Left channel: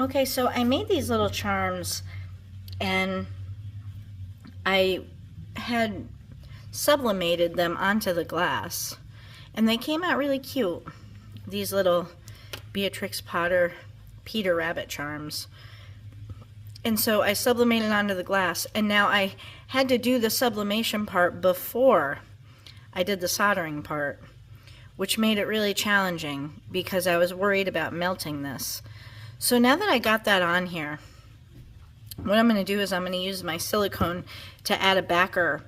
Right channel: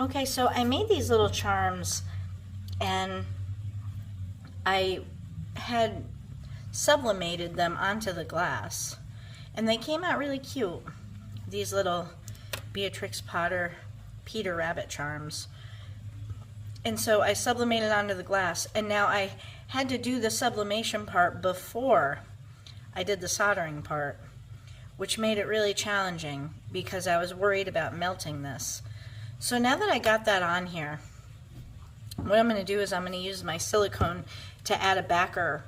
Okay, so I made these little charms and I had sublimated them onto the glass and they came out really cute. These little Beatrix Potter Peter Rabbit charms. And so I sublimated onto the glass, and now I had to do the sublimation part before I did the soldering part, which made it really challenging because I was worried about melting this. So now that I got that on here, what I'm going to do is I'm going to use my silicone to add a backer,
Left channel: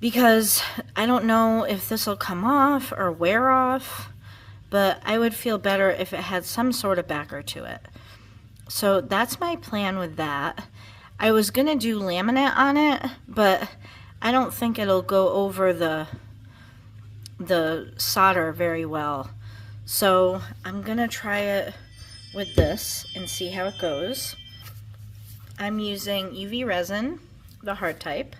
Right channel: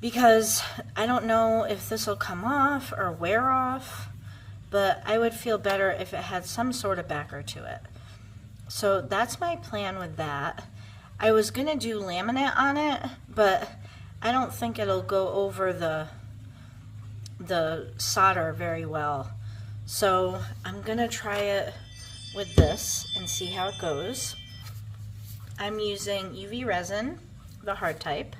because I don't know if this will come off or wear off, but I would feel better if it had some sort of backer to it. So that's my plan with that. I was going to do laminate on it, but I don't think it'll go over the solder very well. So I'm going to try it with this and see how it goes. I'm using UV resin, the hard type.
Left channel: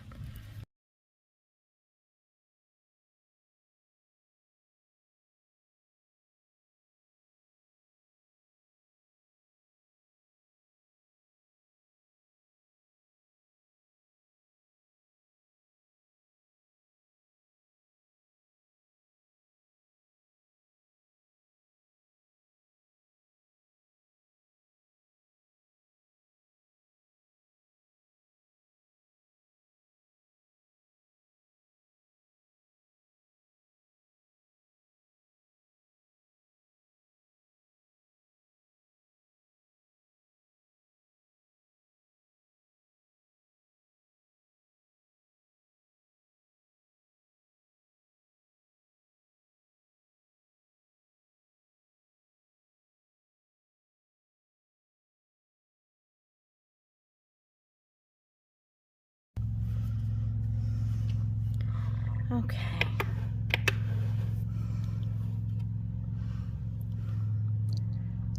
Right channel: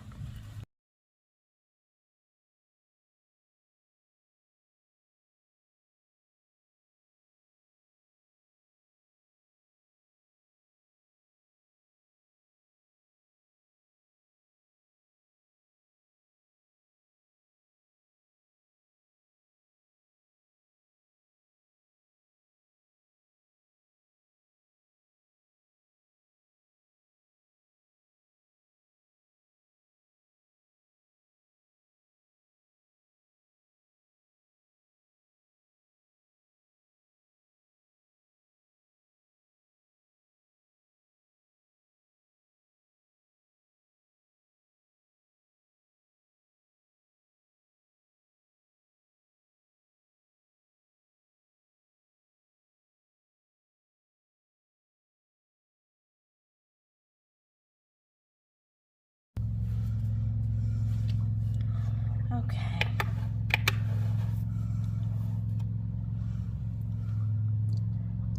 Okay.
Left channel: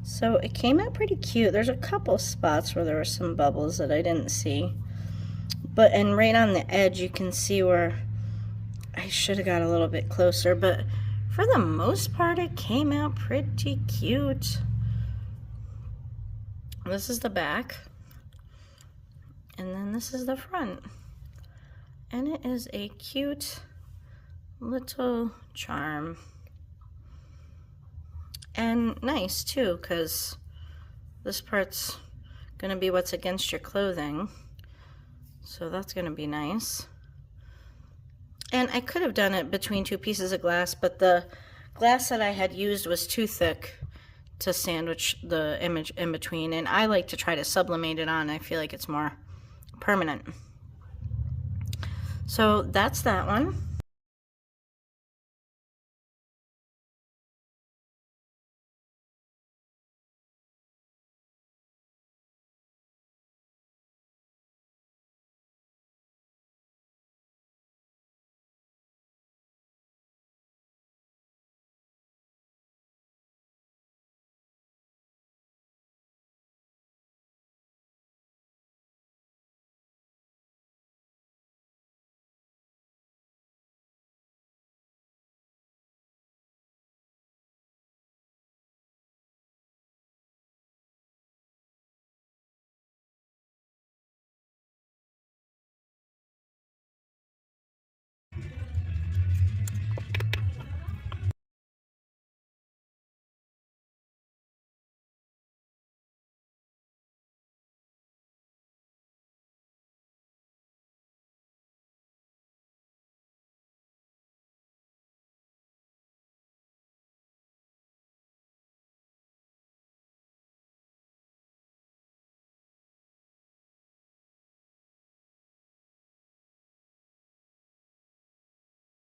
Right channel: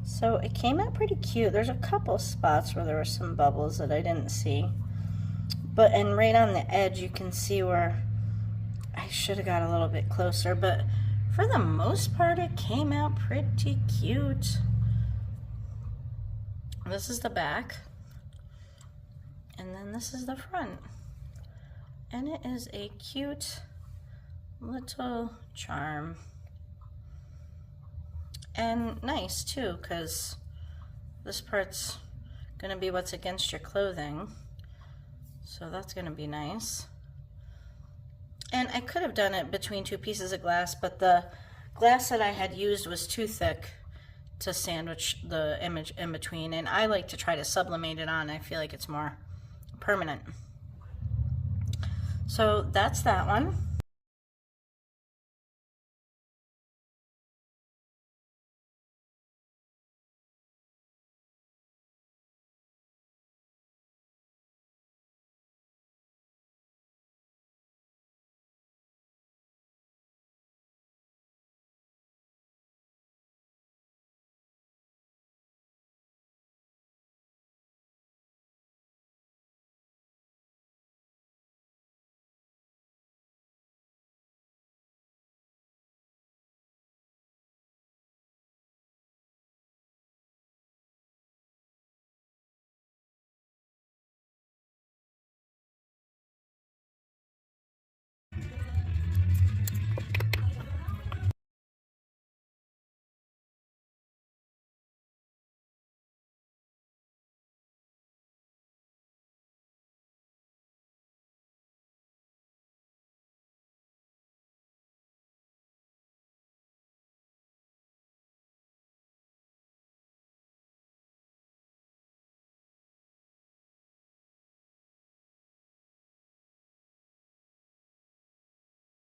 So it came out pretty cute. There's a couple spots where there were some bubbles that I didn't see. And right on the edge you can see where I should have got a little bit closer, but for the most part it came out pretty cute. This is the back, and then this is the front. And it is a cute little charm. And nice too, because this part's gonna be what's against your clothing. So that's gonna be nice. And I could have done it between two pieces of glass, but the glass that I had used was too thick to sandwich the image in between, and I like to try to sublimate it on. I feel like it's more permanent. So that's that one.